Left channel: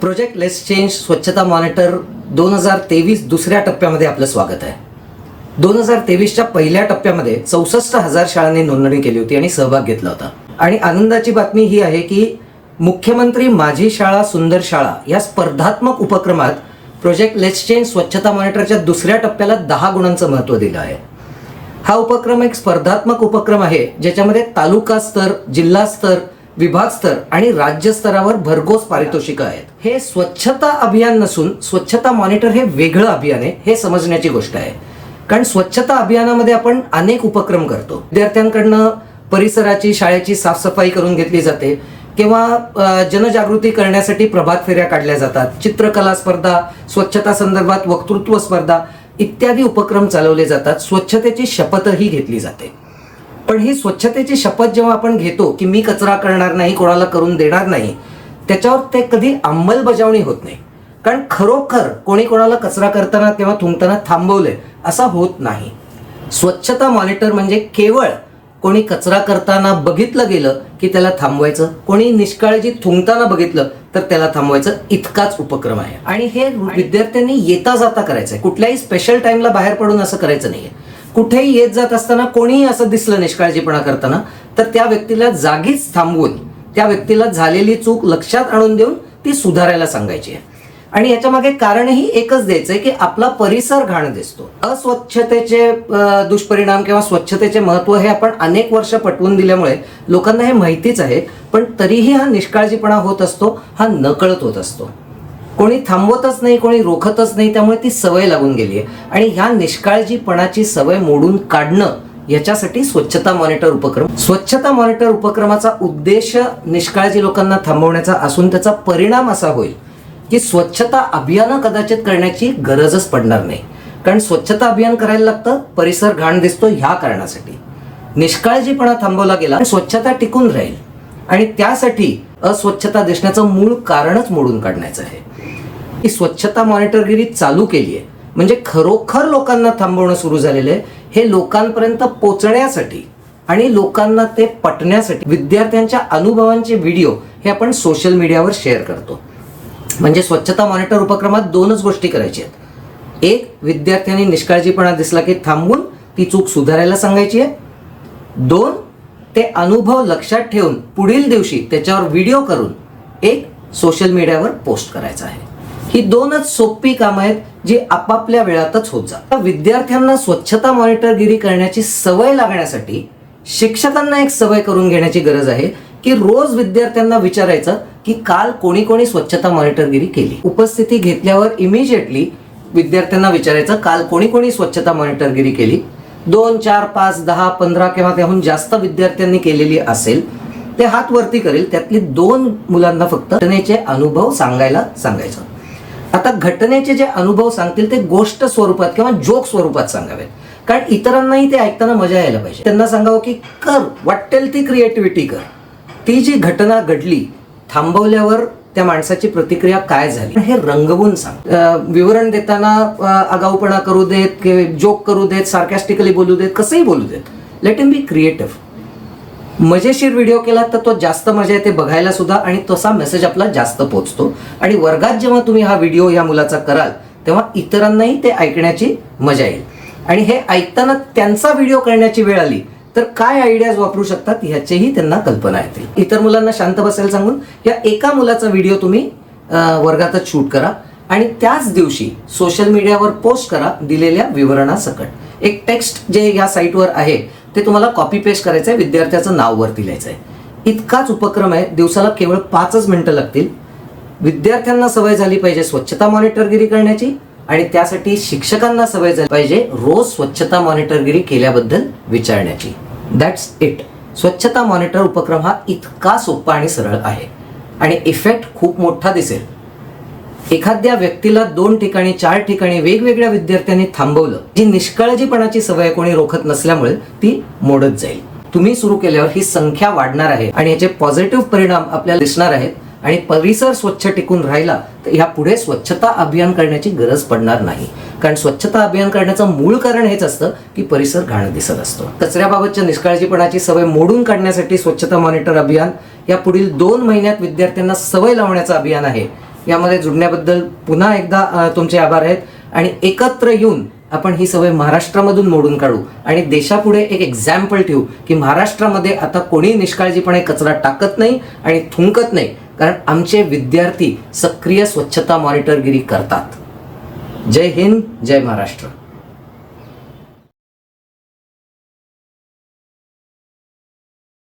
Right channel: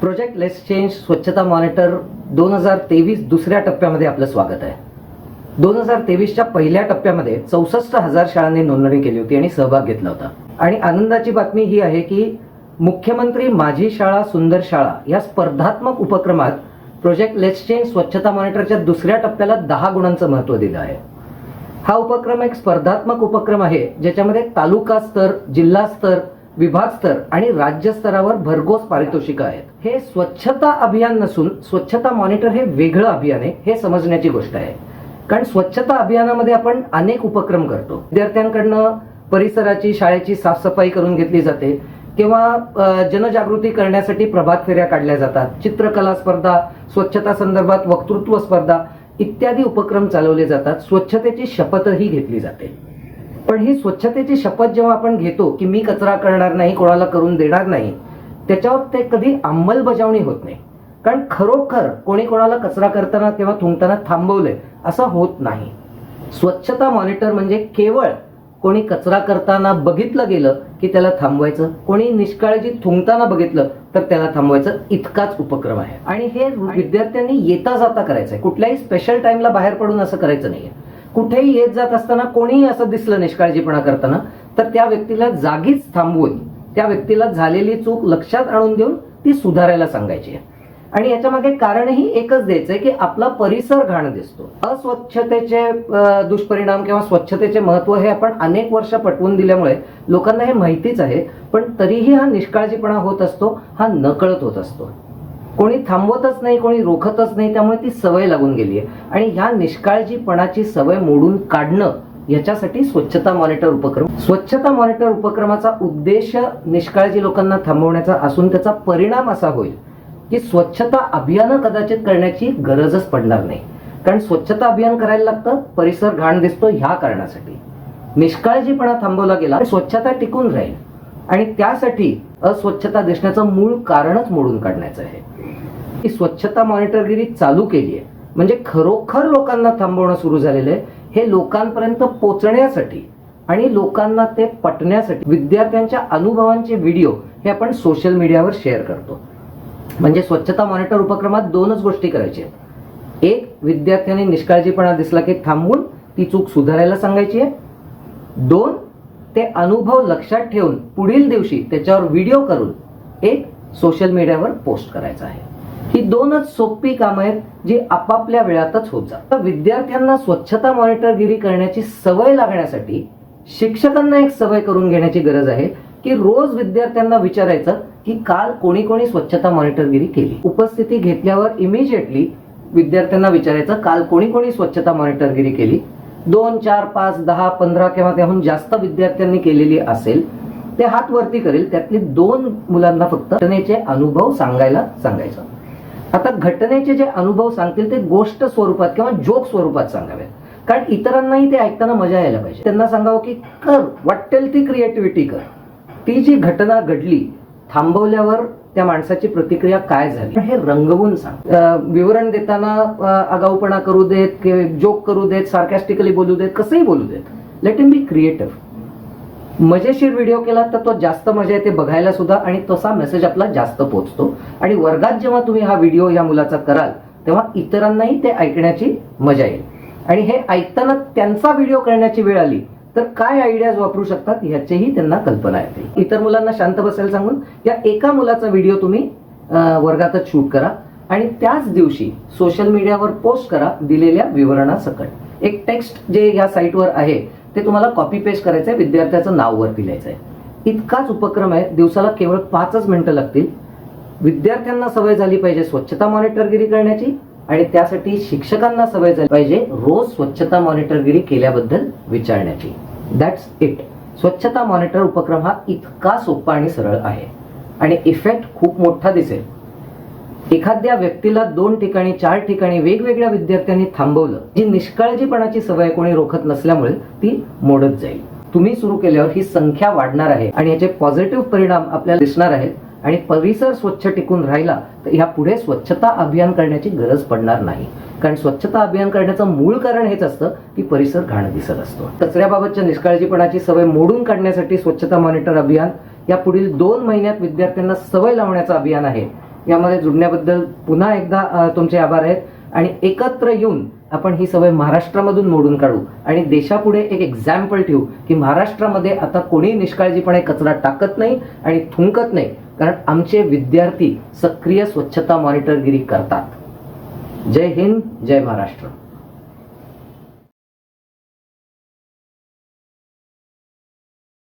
Project less change स्वच्छता monitor दोन हजार तेवीस दुसऱ्या टप्प्यामध्ये आपलं स्वागत आहे. दोन हजार तेवीसच्या पहिल्या टप्प्यामध्ये चौसष्ट हजार शाळांनी नोंदणी केली होती आणि सहभाग घेतला होता. आणि आनंदाची बातमी ही आहे की मुख्यमंत्री माझी शाळा सुंदर शाळा या स्पर्धात्मक उपक्रमात प्रोजेक्ट लेस चेंज स्वच्छता मॉनिटरच्या दुसऱ्या टप्प्याला दहा गुणांचं महत्त्व दिलं आहे. हा उपक्रम एक स्पर्धात्मक उपक्रम आहे ज्याच्यामध्ये तालुका स्तर जिल्हा स्तर विभाग स्तर आणि राज्य स्तरावर भरघोस पारितोषिक आहेत. हे स्वच्छता अभियान नसून स्वच्छता मॉनिटर हे वेगळं अभियान आहे हे समजण्याची गोष्ट आहे. कारण स्वच्छता अभियानामध्ये आपण अनेक उपक्रम करतो. विद्यार्थ्यांकडनं परिसराची शाळेची साफसफाई करून घेतली जाते किंवा जनजागृती करण्यासाठी प्रभात फेऱ्या काढल्या जातात. चित्रकला स्पर्धा स्वच्छता संदर्भात वक्तृत्व स्पर्धा इत्यादी उपक्रम चालवले जातात. स्वच्छतेची शपथही घेतली जाते. पण ही स्वच्छतेची शपथ जेव्हा आपण घेतो की मी कचरा करणार नाही कोणाला करून देणार नाही त्याच्यावर ते कधी अंमलबजावणी होत नाही. कारण खरोखर कोणी कोणाला कचरा करताना किंवा थुंकताना थांबवलंय असं होत नाही. स्वच्छता मॉनिटर म्हणजे केवळ कोणी कचरा करताना बघितलं गेलं की त्याला थांबवायचं कोणी निष्काळजी थुंकताना बघितलं तर त्याला थांबवायचं इतकाच उपक्रम आहे. आणि हे विद्यार्थ्यांनी येता जाता करायचं आहे कुठल्याही स्पेशल टाइमला बाहेर पडून असं करायचं नाहीये. कुठेही येत जात असताना कोणीही असं दिसलं निष्काळजीपणा करताना तर त्या व्यक्तीला जागीच थांबवून त्या व्यक्तीला झालेली चूक लक्षात आणून देऊन ती सुधारायला सांगायची आहे. आणि याच्या मागे कारणही एकच द्यायचं आहे की आपला परिसर घाण दिसतो. अस्वच्छतेचे दुष्परिणाम किंवा स्वच्छतेचे महत्त्व हे आपण अनेक वर्ष पटवून दिल्यामुळे लोकांना हे माहितीच आहे पण तरीही हा निष्काळजीपणा होत असतो हा नकळत होत असतो. कोणी थांबवतच नाही कोणी रोखतच नाही त्यामुळे ती सवय लागून गेली आहे. आणि ह्या निष्काळजीपणाची सवय मोडून काढणं याच्यासाठी स्वच्छता मॉनिटर उपक्रम. स्वच्छता मॉनिटर उपक्रमाचा उद्देश निष्काळजी लोकांना थांबवण्याचा असून त्याचा परिणाम असा होईल की स्वच्छता अभियानं कदाचित करण्याची गरजच पडणार नाही. कारण स्वच्छता अभियान करायला लागतं परिसर घाण दिसतो ह्या कारणासाठी. निष्काळजीपणा थांबवला गेला स्वच्छता टिकून राहील. आणि त्यासाठी अस्वच्छता दिसण्याचं मूळ कारणच मोडून काढण्याचं आहे. ही स्वच्छता मॉनिटरगिरी चालू केली आहे. म्हणजे खरोखर लोकांना थांबवणं सुरू झालेलं आहे. हे लोकांपर्यंत पोचण्यासाठी आणि लोकांना ते पटण्यासाठी विद्यार्थ्यांच्या अनुभवांचे व्हिडिओ हे आपण सोशल मीडियावर शेअर करतो. म्हणजे स्वच्छता मॉनिटर उपक्रमात दोनच गोष्टी करायच्या आहेत. एक विद्यार्थ्यांनी निष्काळजीपणा दिसला की थांबून ती चूक सुधारायला सांगायची आहे. दोन ते अनुभव लक्षात ठेवून पुढील दिवशी त्याच्यावर व्हिडिओ करून एक सोशल मीडियावर पोस्ट करायचा आहे. ही दोनच सोपी कामं आहेत जी आपापल्या वेळातच होत जातात. विद्यार्थ्यांना स्वच्छता मॉनिटरगिरी करण्याची सवय लागण्यासाठी शिक्षकांना एक सवय करून घेण्याची गरज आहे की रोज विद्यार्थ्यांना विचारायचं की काल कोणी कोणी स्वच्छता मॉनिटरगिरी केली. उपस्थिती घेतल्यावर इमिजिएटली विद्यार्थ्यांना विचारायचं काल कोणी कोणी स्वच्छता मॉनिटरगिरी केली? दोन चार पाच दहा पंधरा किंवा त्याहून जास्त विद्यार्थ्यांनी केलेली असेल ते हात वरती करेल. त्यातले दोन मुलांना फक्त घटनेचे अनुभव सांगायला सांगायचं. आता घटनेचे जे अनुभव सांगतील ते गोष्ट स्वरूपात किंवा जोक स्वरूपात सांगावेत कारण इतरांनाही ते ऐकताना मजा यायला पाहिजे. त्यांना सांगावं की कर वाटेल ती क्रिएटिव्हिटी कर. ती जी घटना घडली थांबवल्यावर त्या माणसाची प्रतिक्रिया काय झाली? हे रंगवून सांग. विवरण देताना आगाऊपणा करू देत की जोक करू देत सार्कॅस्टिकली बोलू देत कसंही बोलू देत. लेट इम बी क्रिएटिव्ह मजेशीर व्हिडिओ केला तर तो जास्त मजा येते बघायला सुद्धा आणि तसा मेसेज आपला जास्त पोहोचतो. आणि वर्गात जेव्हा तुम्ही हा व्हिडिओ या मुलाचा कराल तेव्हा इतरांनाही ते ऐकण्याची मजा येईल. आणि हे ऐकताना त्यांचा व्हिडिओ करण्याची वेळ आली तर काय आयडियाज वापरू शकतात याचेही त्यांना कल्पना येते. इतर मुलांना शांत बसायला सांगून या एका मुलाचा व्हिडिओ तुम्ही वर्गातच शूट करा आणि त्याच दिवशी सोशल मीडियावर पोस्ट करा दिलेल्या विवरणासकट. एक टेक्स्ट जे या साईटवर आहे ते तुम्हाला कॉपी पेस्ट करायचं आहे विद्यार्थ्याचं नाव वरती लिहायचं आहे इतकाच उपक्रम आहे दिवसाला केवळ पाचच मिनिटं लागतील. विद्यार्थ्यांना सवय झाली पाहिजे स्वच्छता मॉनिटरगिरी करण्याची आणि त्यासाठी शिक्षकांना सवय झाली पाहिजे रोज स्वच्छता मॉनिटरगिरी केल्याबद्दल विचारण्याची. दॅट्स इट स्वच्छता मॉनिटर उपक्रम हा इतका सोपा आणि सरळ आहे. आणि इफेक्ट खूप मोठा दिसेल. एखाद्या व्यक्तीला दोन ठिकाणी चार ठिकाणी वेगवेगळ्या विद्यार्थ्यांनी थांबवलं जी निष्काळजीपणाची सवय कोणी रोखत नसल्यामुळे ती मोडत जाईल. तुम्ही सुरू केल्यावर ही संख्या वाढणार आहे आणि याचे पॉझिटिव्ह परिणाम आपल्याला दिसणार आहेत. आणि परिसर स्वच्छ टिकून राहिला तर ह्या पुढे स्वच्छता अभियान करण्याची गरज पडणार नाही. कारण स्वच्छता अभियान करण्याचं मूळ कारण हेच असतं की परिसर घाण दिसत असतो. कचऱ्याबाबतच्या निष्काळजीपणाची सवय मोडून काढण्यासाठी स्वच्छता मॉनिटर अभियान या पुढील दोन महिन्यात विद्यार्थ्यांना सवय लावण्याचं अभियान आहे. यामध्ये जुडण्याबद्दल पुन्हा एकदा तुमचे आभार आहेत. आणि एकत्र येऊन आपण ही सवय महाराष्ट्रामधून मोडून काढू. आणि देशापुढे एक एक्झाम्पल ठेवू की महाराष्ट्रामध्ये आता कोणी निष्काळजीपणे कचरा टाकत नाही आणि थुंकत नाही. कारण आमचे विद्यार्थी सक्रिय स्वच्छता मॉनिटरगिरी करतात. जय हिंद जय महाराष्ट्र.